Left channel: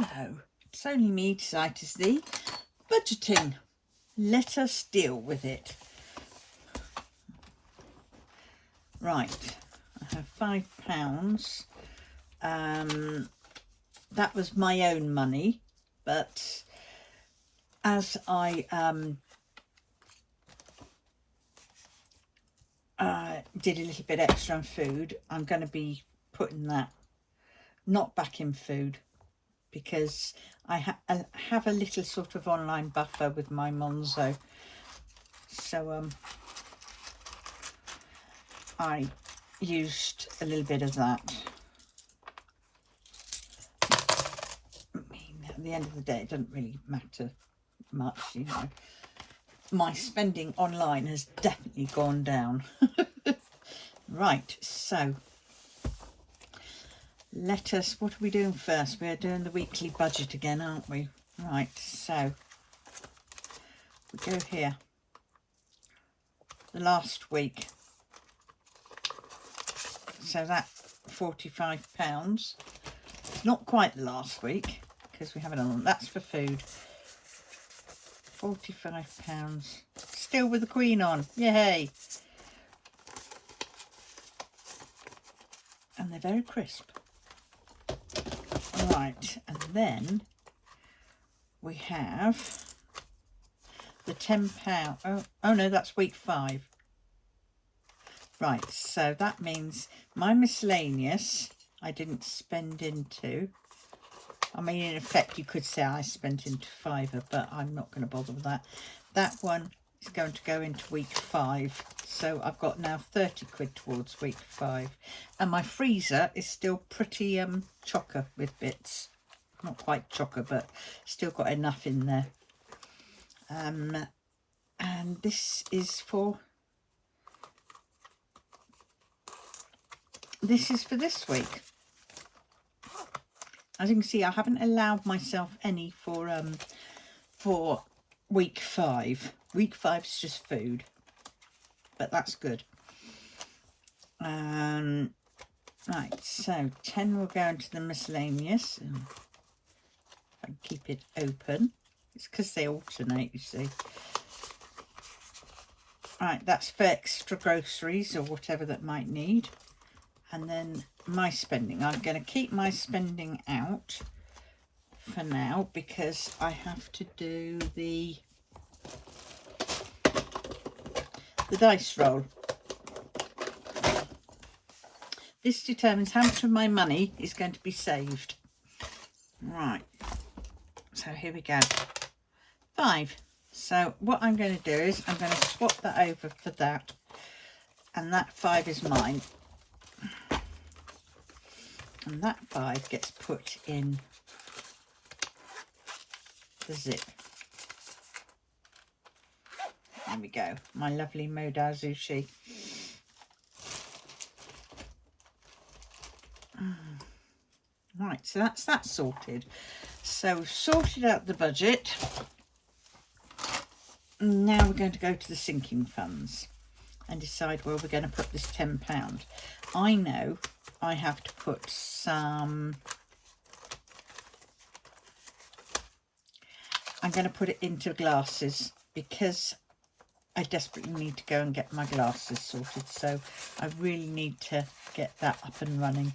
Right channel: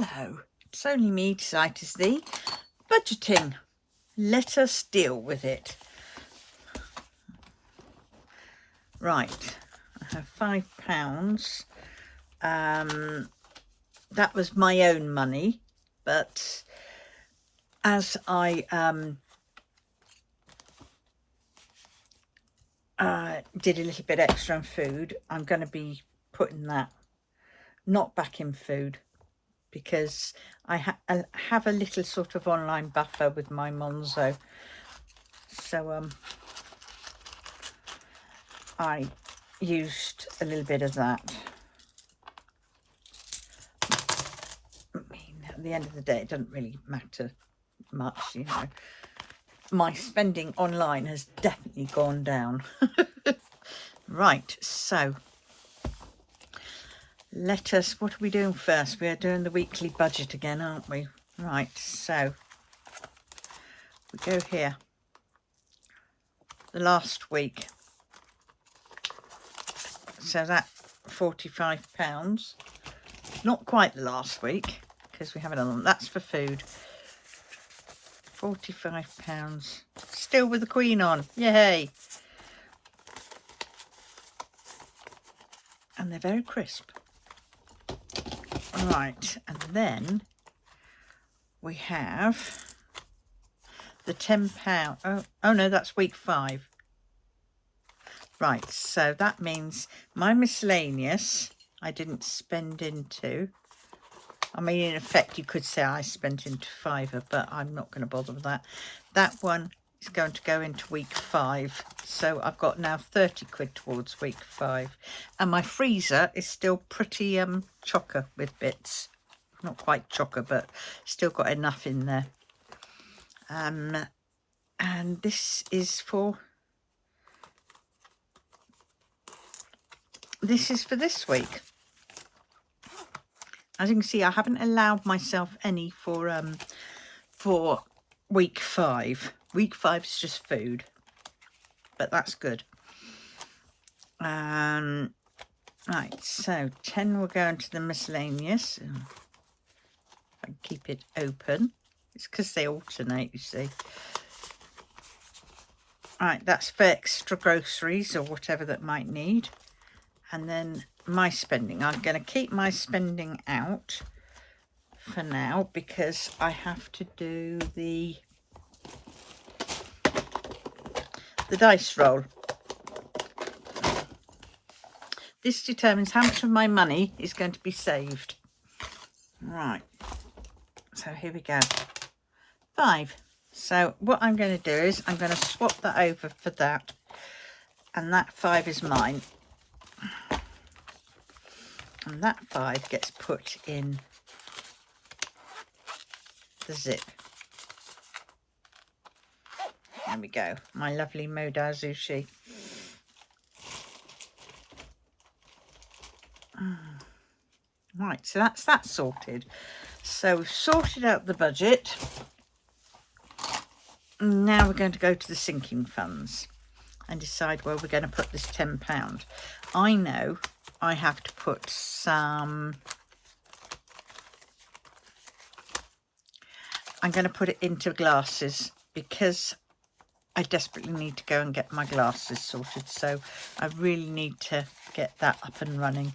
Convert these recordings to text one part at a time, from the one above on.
Hello, it's only me, Titus the budgeting. Let us deal with it. Right, I have £5. That was my own money, but as I did a little bit extra on food, I'm going to be putting that not back in food, because I have a little sort of online buffer with my Monzo. So I used a little bit of that. I mean, at the end of the day, it doesn't really matter much, you know. My spending online has definitely gone down. Right, so what are we doing first? We are doing the weekly budget again, aren't we? Right, so we go here. The last week. So that £45. Not quite the last week, because we haven't done that's for food. £45. Still with the Queen on. Yay! And they're very crisp. Right, and then we have the £10. Oh no, that's week 5. Right, so that means my miscellaneous I didn't spend into. I mean, in effect, you could say I spent into £5, but I'm not going to bother with that. That one is going to go into week 5. So I've got now 30 quid towards week 5. And my freezer is still pretty chocker with bits. Not quite chocker, but still got enough in there. And this is for this week. As you can see, I haven't allowed myself any for week 5. Week 5 is just food, but that's good. Right, so 10 will go into the miscellaneous. I can keep it open. It's because they alternate, you see. Right, that's for extra groceries or whatever that might need. And then my spending, I'm going to keep my spending out for now because I have to do the dice roll. This determines how much of my money is going to be saved. Right, so here we go. 5. So what I'm going to do is I'm going to swap that over for that, and that 5 is mine. And that 5 gets put in the zip. There we go, my lovely Moda Sushi. Right, so that's that sorted. So we've sorted out the budget. Now we're going to go to the sinking funds and decide where we're going to put this £10. I know I have to put some, I'm going to put it into glasses because I desperately need to go and get my glasses sorted. So I really need to get that up and running.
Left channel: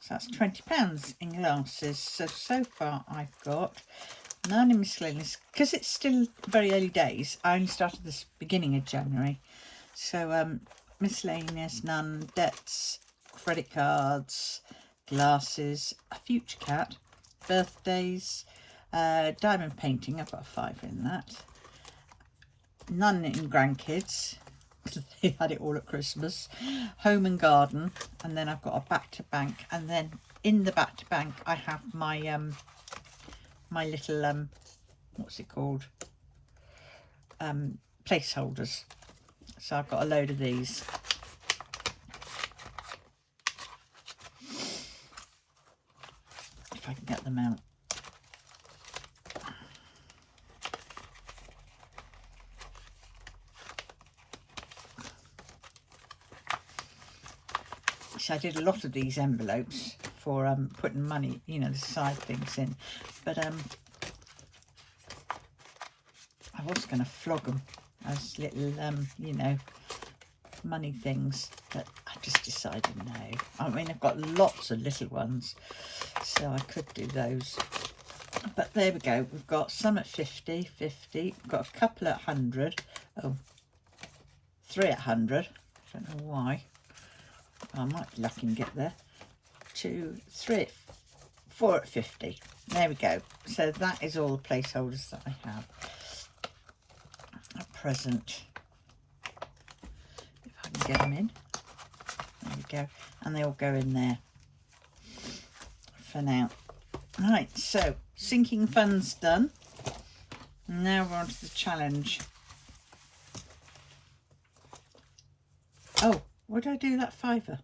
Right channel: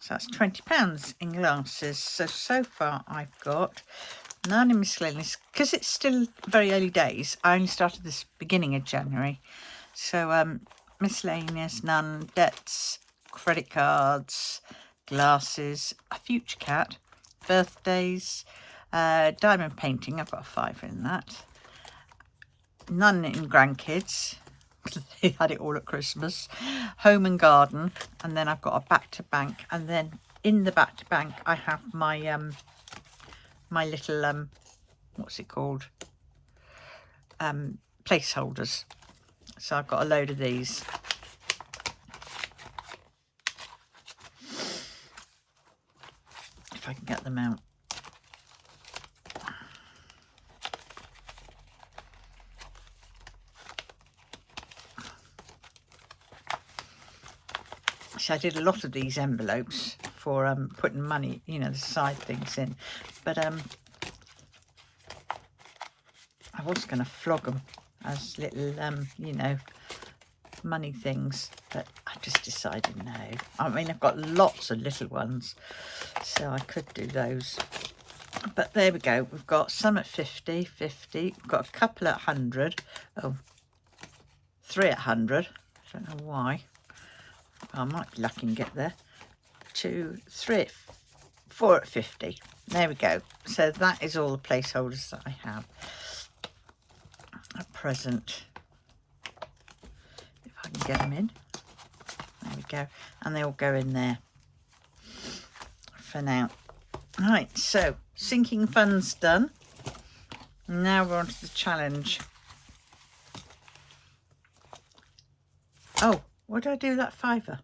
So that's £20 in glasses. So far I've got none in miscellaneous, because it's still very early days. I only started this beginning of January. So miscellaneous, none, debts, credit cards, glasses, a future cat, birthdays, diamond painting, I've got a 5 in that. None in grandkids, they had it all at Christmas. Home and garden, and then I've got a back to bank, and then in the back to bank I have my my little what's it called, placeholders. So I've got a load of these. If I can get them out. So I did a lot of these envelopes for putting money, you know, the side things in. But I was going to flog them as little, you know, money things, but I just decided no. I mean, I've got lots of little ones, so I could do those. But there we go. We've got some at 50, 50. We've got a couple at 100. Oh, 3 at 100. I don't know why. I might be lucky and get there. 2, 3, 4 at 50. There we go. So that is all the placeholders that I have at present. If I can get them in. There we go. And they all go in there for now. Right, so sinking funds done. Now we're on to the challenge. Oh, what did I do with that fiver?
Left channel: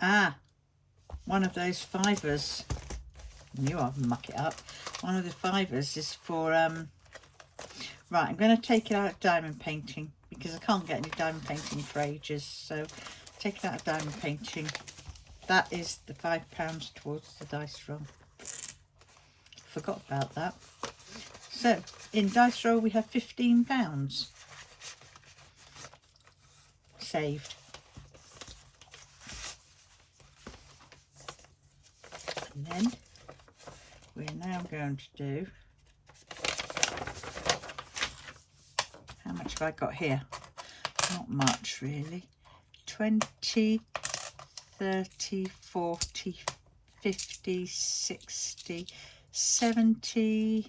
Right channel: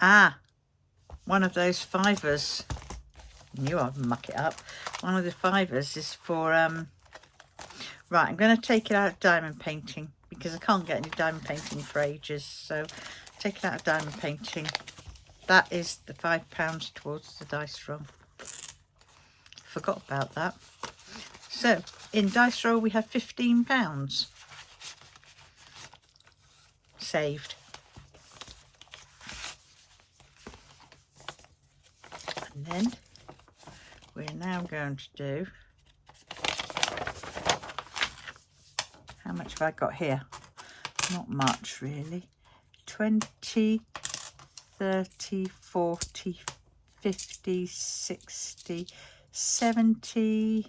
Ah, one of those fivers. Knew I'd muck it up. One of the fivers is for right, I'm going to take it out of diamond painting because I can't get any diamond painting for ages. So take it out of diamond painting. That is the £5 towards the dice roll. Forgot about that. So in dice roll we have £15 saved. And then we're now going to do, how much have I got here? Not much really. 20, 30, 40, 50, 60, 70,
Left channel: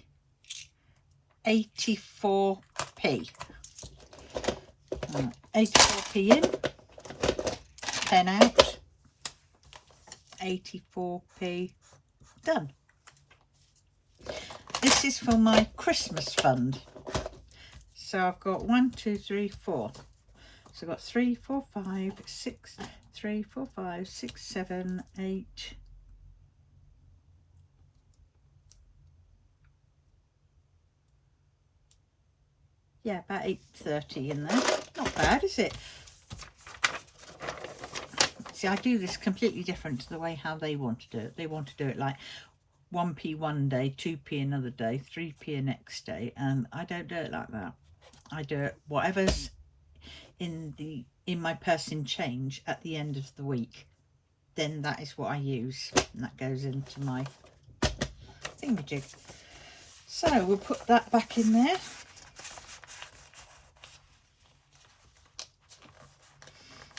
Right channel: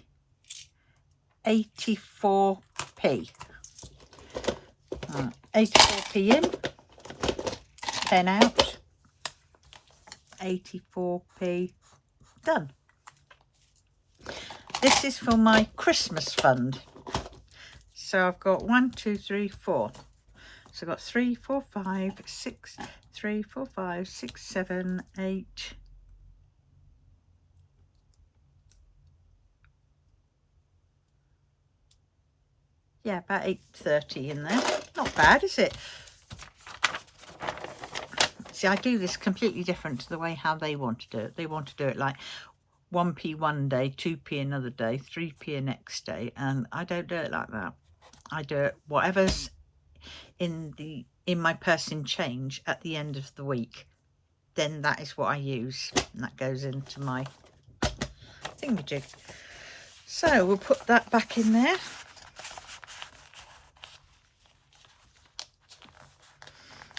84p. 84p in, 10 out, 84p done. This is for my Christmas fund. So I've got 1, 2, 3, 4. So I've got 3, 4, 5, 6, 3, 4, 5, 6, 7, 8. Yeah, about 8.30 in there. Not bad, is it? See, I do this completely different to the way how they want to do it. They want to do it like 1p one day, 2p another day, 3p next day, and I don't do it like that. I do it whatever's in my purse in change at the end of the week. Then that is what I use, and that goes into my thingamajig. So we'll put that back in there.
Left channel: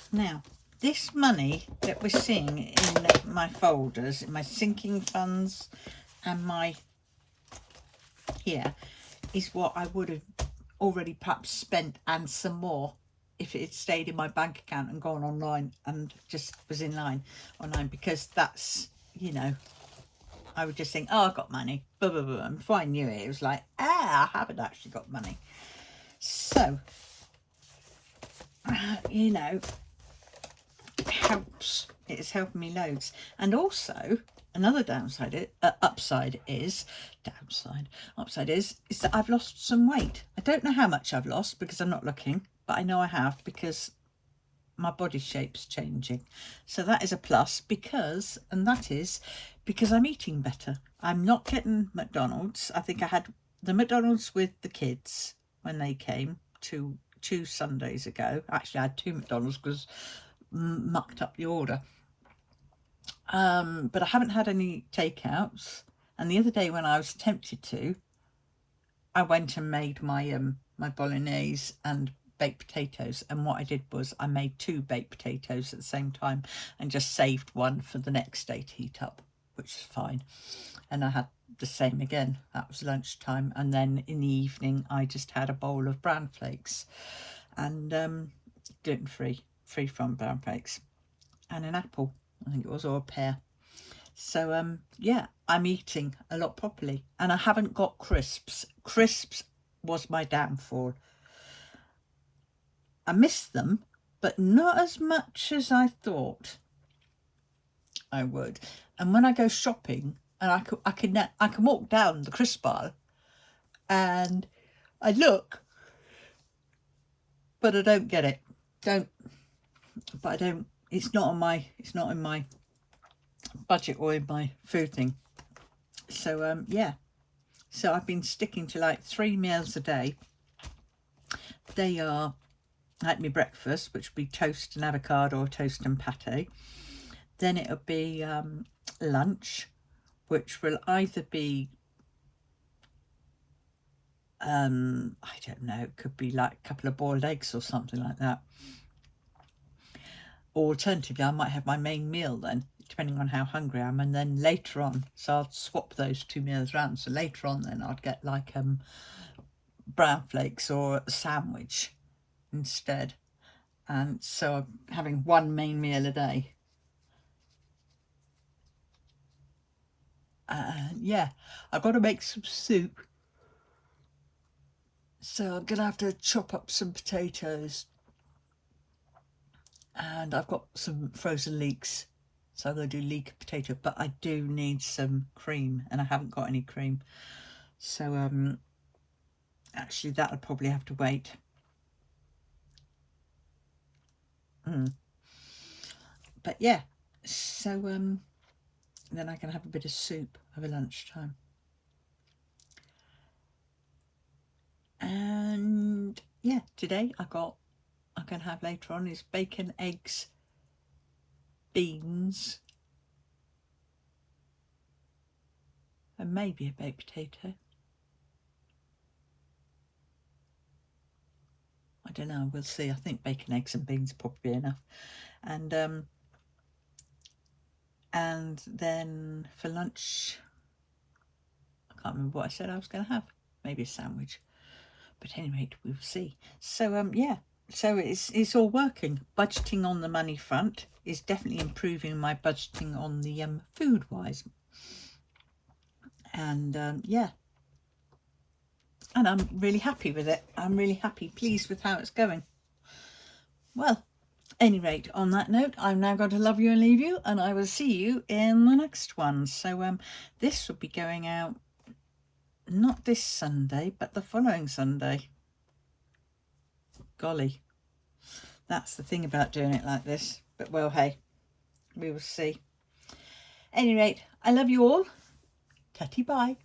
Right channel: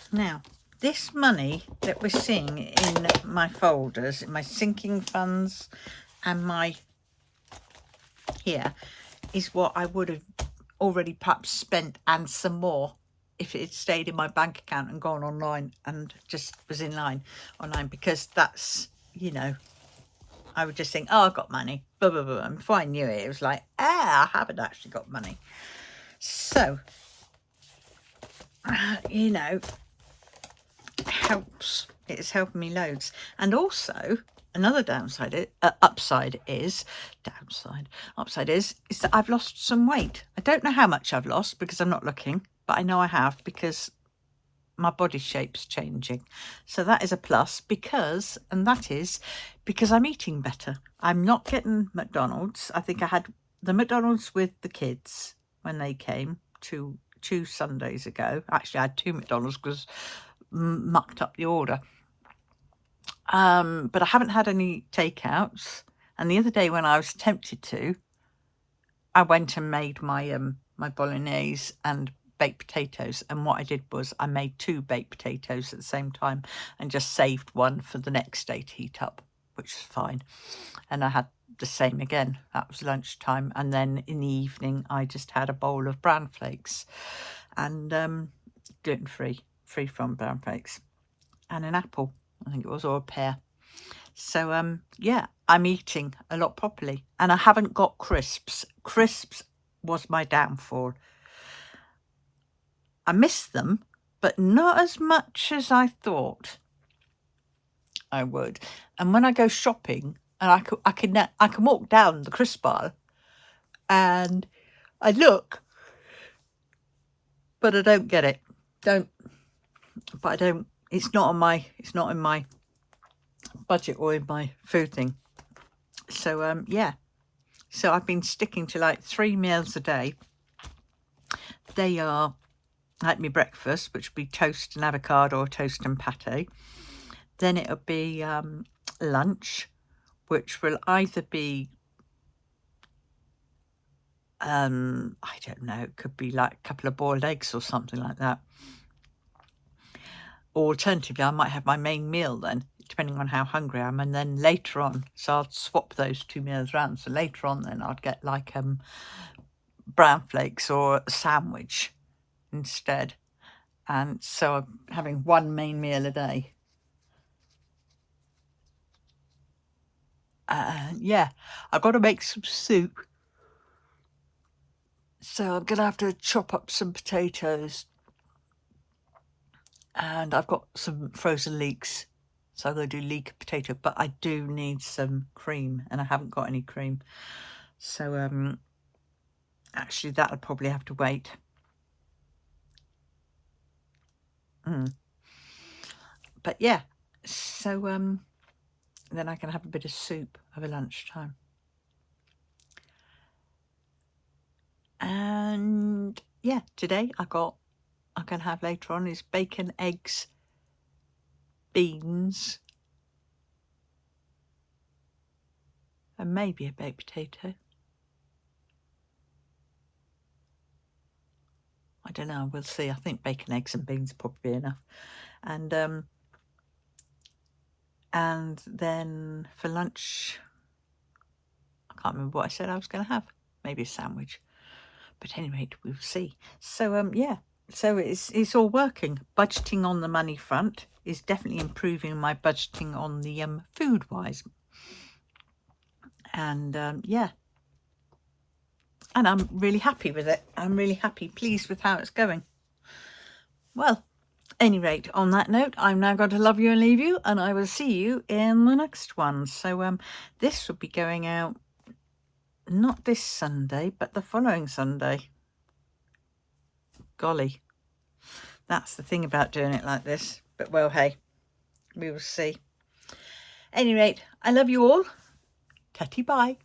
Now, this money that we're seeing in my folders, in my sinking funds and my here, is what I would have already perhaps spent and some more if it had stayed in my bank account and gone online and just was in line online, because that's, you know, I would just think, oh, I've got money, blah, blah, blah. And before I knew it, it was like, I haven't actually got money. So, you know, helps. It is helping me loads. And also another upside is that I've lost some weight. I don't know how much I've lost because I'm not looking, but I know I have because my body shape's changing. So that is a plus, because I'm eating better. I'm not getting McDonald's. I think I had the McDonald's with the kids when they came two Sundays ago. Actually, I had 2 McDonald's because mucked up the order. But I haven't had any takeouts. And the other day when I was tempted to, I went and made my my bolognese and baked potatoes, and what I did was I made 2 baked potatoes at the same time and just saved one for the next day to heat up, which was fine. And I had the same again. That was lunchtime, and then in the evening I just had a bowl of bran flakes and gluten-free, free from brown flakes, and an apple, I think it was, or a pear. So yeah, I'm eating a lot properly, and I haven't got crisps. Crisps was my downfall. I miss them, but not as much as I thought I would. And when I go shopping, and I can walk down the crisp aisle and I look, but I don't get it. But I don't it's not in my budget or in my food thing. So yeah, so I've been sticking to like 3 meals a day. They are like my breakfast, which would be toast and avocado or toast and pate. Then it'll be lunch, which will either be I don't know, it could be like a couple of boiled eggs or something like that. Or alternatively, I might have my main meal then, depending on how hungry I am, and then later on, so I'll swap those 2 meals around. So later on then I'd get like brown flakes or a sandwich instead. And so I'm having 1 main meal a day. Yeah, I've got to make some soup. So I'm going to have to chop up some potatoes. And I've got some frozen leeks. So I'm going to do leek potato. But I do need some cream. And I haven't got any cream. So actually that'll probably have to wait. But yeah. So then I can have a bit of soup over lunchtime. And yeah, today I'm going to have later on is bacon, eggs, beans, and maybe a baked potato. I don't know, we'll see. I think bacon, eggs and beans probably enough. And then for lunch, I can't remember what I said I was going to have. Maybe a sandwich. But anyway, we'll see. So yeah, so it's all working. Budgeting on the money front is definitely improving my budgeting on the food wise. And yeah, and I'm really happy with it. I'm really happy, pleased with how it's going. Well, any rate, on that note, I'm now going to love you and leave you, and I will see you in the next one. So this will be going out not this Sunday, but the following Sunday. Golly, that's the thing about doing it like this. But well, hey, we will see. Any rate, I love you all. Tatty bye.